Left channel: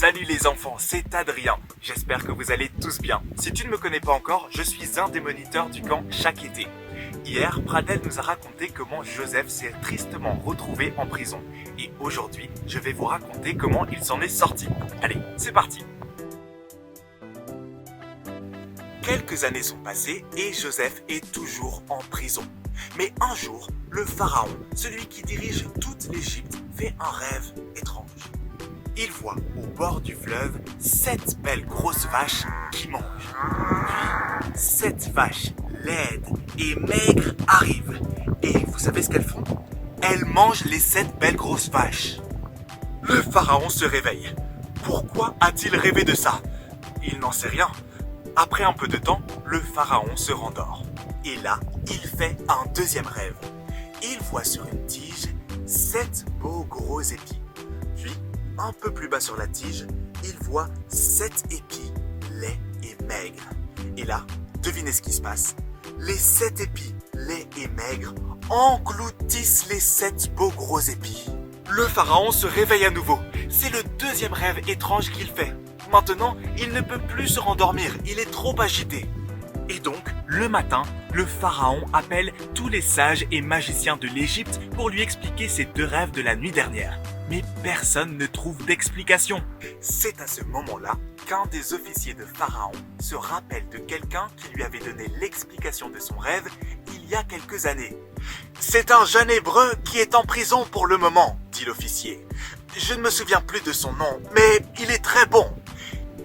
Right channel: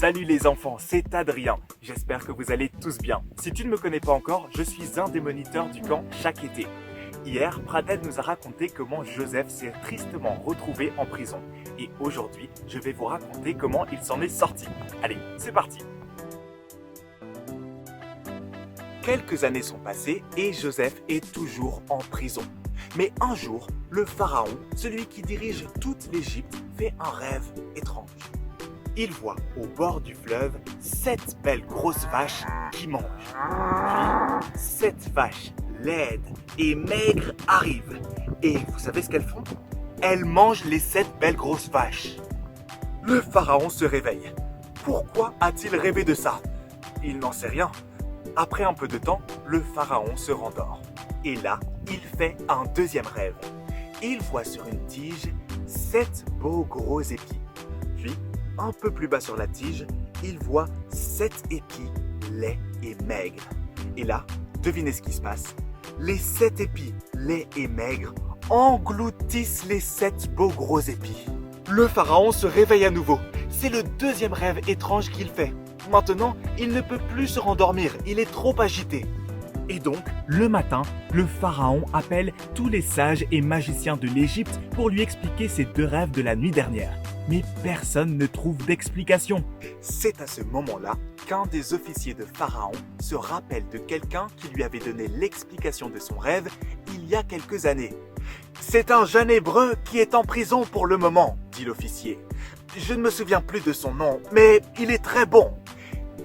Salut les enfants, c'est Adrien. J'espère que vous allez tous bien. Si tu ne me connais pas encore, je suis un des moniteurs du camp chaque été. Hier, Pradel nous a raconté comment Joseph s'est tristement retrouvé en prison. Et aujourd'hui, je vais vous raconter comment il s'en est sorti. Allez, c'est parti. Quelques années sont passées et Joseph est toujours en prison. Mais un jour, le pharaon, celui qui dirige toute l'Égypte, fait un rêve étrange. Il voit au bord du fleuve 7 belles grosses vaches qui mangent. Puis 7 vaches laides et maigres arrivent. Et vous savez ce qu'elles font? Elles mangent les 7 belles grosses vaches. Le pharaon se réveille. Pourquoi a-t-il rêvé de ça? Il n'en sait rien. Après un peu de temps, le pharaon se rendort. Et là, il fait un deuxième rêve. Il voit sur une tige 7 beaux gros épis. Puis, un peu plus bas sur la tige, il voit 7 épis laids et maigres. Et là, devinez ce qui se passe. Les 7 épis laids et maigres engloutissent les 7 beaux gros épis. Le pharaon se réveille à nouveau. C'est le deuxième rêve étrange qu'il fait. Maintenant, il ne peut plus se rendormir, il est trop agité. Et donc, le matin, le pharaon appelle tous les sages et magiciens de l'Égypte pour lui expliquer ses deux rêves de la nuit dernière. Mais personne ne trouve d'explication. C'est à ce moment-là qu'un des officiers de Pharaon se rappelle de quelqu'un qui lui avait donné l'explication de son rêve il y a quelques années. « C'est un jeune hébreu qui est en prison pour le moment, » dit l'officier. « Je ne me souviens plus de son nom, mais il est très bon. »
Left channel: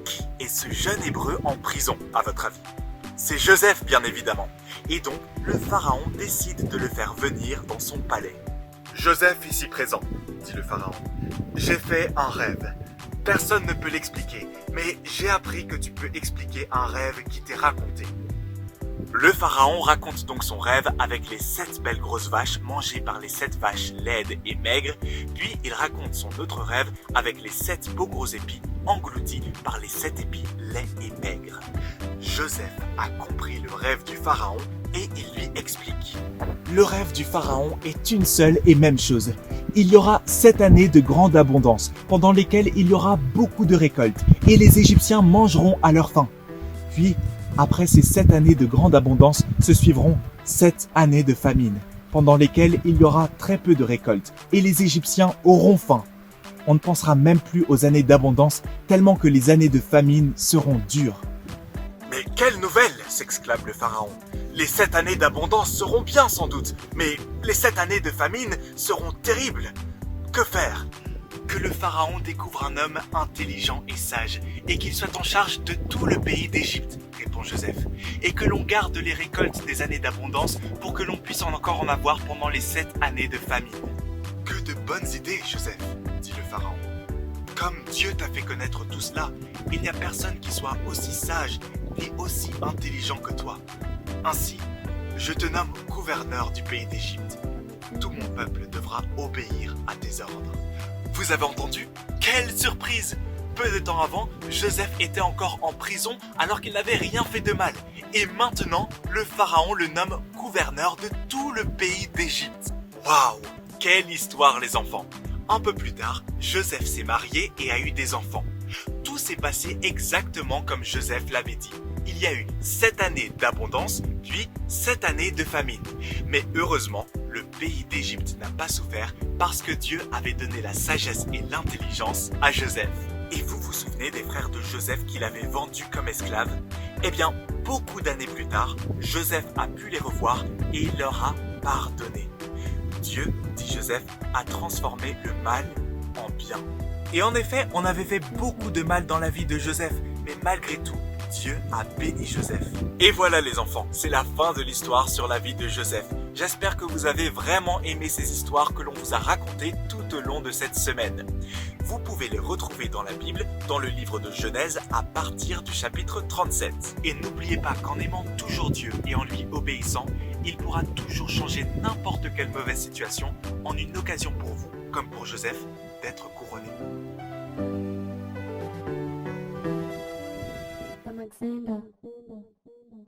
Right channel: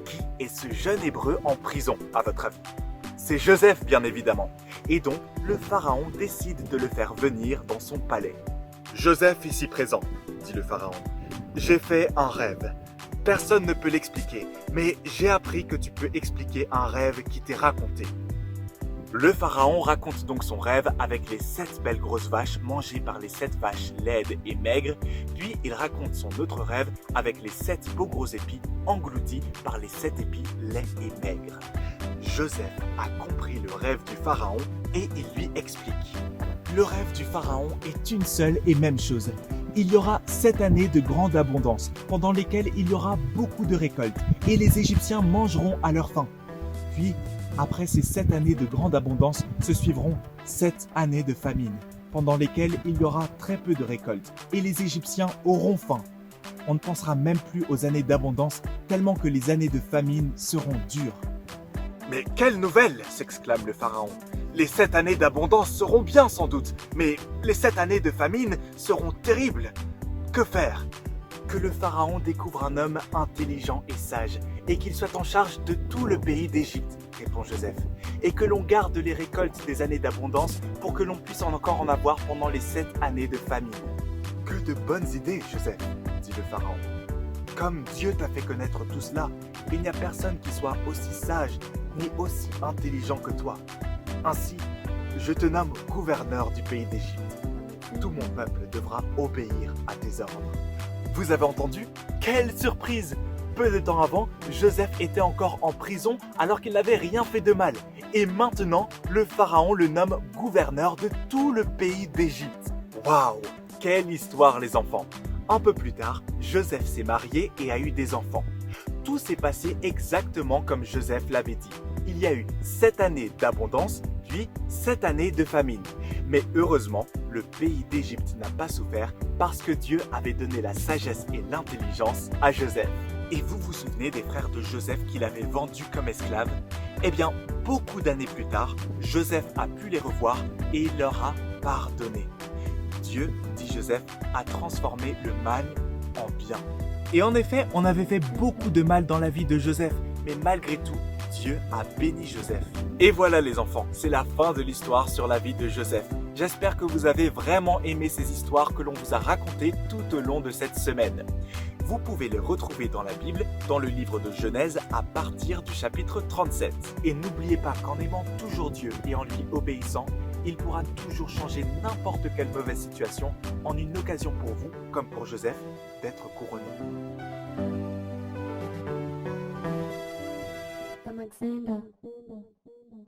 Qui est ce jeune hébreu en prison, à votre avis? C'est Joseph, bien évidemment. Et donc, le pharaon décide de le faire venir dans son palais. « Joseph ici présent, » dit le pharaon. « J'ai fait un rêve. Personne ne peut l'expliquer, mais j'ai appris que tu peux expliquer un rêve qui t'est raconté. » Le pharaon raconte donc son rêve avec les 7 belles grosses vaches mangées par les 7 vaches laides et maigres, puis il raconte son autre rêve avec les 7 beaux gros épis engloutis par les 7 épis laids et maigres. Joseph a compris le rêve du pharaon et il lui explique. Le rêve du pharaon est une seule et même chose. Il y aura 7 années de grande abondance, pendant lesquelles il y aura beaucoup de récoltes, et les Égyptiens mangeront à leur faim. Puis, après ces 7 années de grande abondance, se suivront 7 années de famine, pendant lesquelles il y aura très peu de récoltes, et les Égyptiens auront faim. On ne pensera même plus aux années d'abondance, tellement que les années de famine seront dures. « Mais quelle nouvelle !» s'exclame le pharaon. « Les 7 années d'abondance seront bien sans doute, mais les 7 années de famine seront terribles. Que faire ?» Que le pharaon découvre un homme intelligent et sage, et qu'il soit en charge de tout le pays d'Égypte, répond Joseph, et que l'on garde les récoltes des années d'abondance pour que l'on puisse encore en avoir pendant les 7 années de famine. Que de bonnes idées, Joseph, dit le pharaon. Comme Dieu t'a fait connaître tout cela, il n'y a personne qui soit aussi sage ni aussi intelligent que toi. Ainsi, je te nomme gouverneur du pays d'Égypte. Tout mon peuple devra obéir à tes ordres. Vous avez entendu? Quelle surprise! Peu de temps avant, Joseph était encore en prison alors qu'il n'avait rien fait de mal. Et maintenant, le pharaon le nomme gouverneur de tout le pays d'Égypte. Waouh! Quelle histoire les enfants! Un peu plus tard, Joseph s'est marié et a eu des enfants. Tout s'est passé exactement comme Joseph l'avait dit. Il y a eu 7 années d'abondance, puis 7 années de famine. Mais heureusement, le pays d'Égypte n'a pas souffert parce que Dieu avait donné la sagesse et l'intelligence à Joseph. Et vous vous souvenez des frères de Joseph qu'il avait vendus comme esclaves? Eh bien, beaucoup d'années plus tard, Joseph a pu les revoir et il leur a pardonné. Dieu, dit Joseph, a transformé le mal en bien. Et en effet, on avait fait beaucoup de mal dans la vie de Joseph, mais malgré tout, Dieu a béni Joseph. Et voilà les enfants, c'est la fin de l'histoire sur la vie de Joseph. J'espère que vous avez vraiment aimé ces histoires que l'on vous a racontées tout au long de cette semaine. Vous pouvez les retrouver dans la Bible, dans le livre de Genèse, à partir du chapitre 37. Et n'oubliez pas qu'en aimant toujours Dieu et en lui obéissant, il pourra toujours changer n'importe quelle mauvaise situation en une occasion pour vous, comme pour Joseph, d'être couronné. Alexander.